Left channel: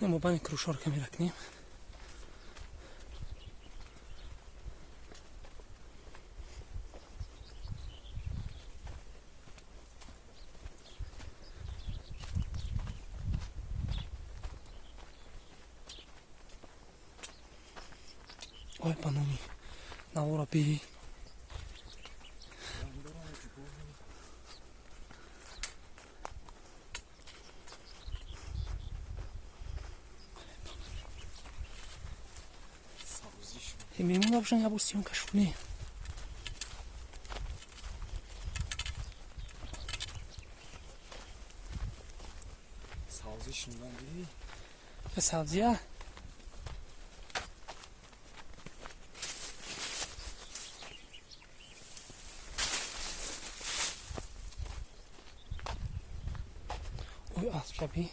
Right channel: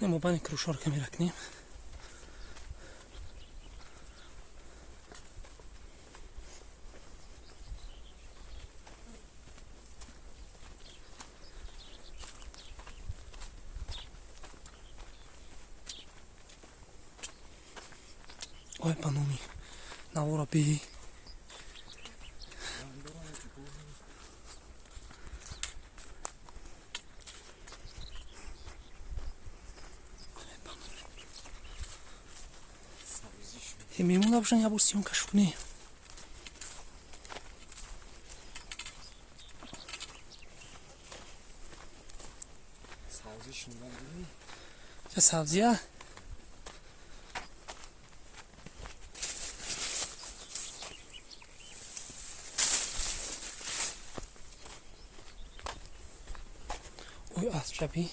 Idemo banje krušorka mi raknem. Oj pa no mi na ora pidi. میمون آبشن یا بوستیون کشونی سبزی شنیدن دیدی؟ چه سبزیه؟ اوی از شبی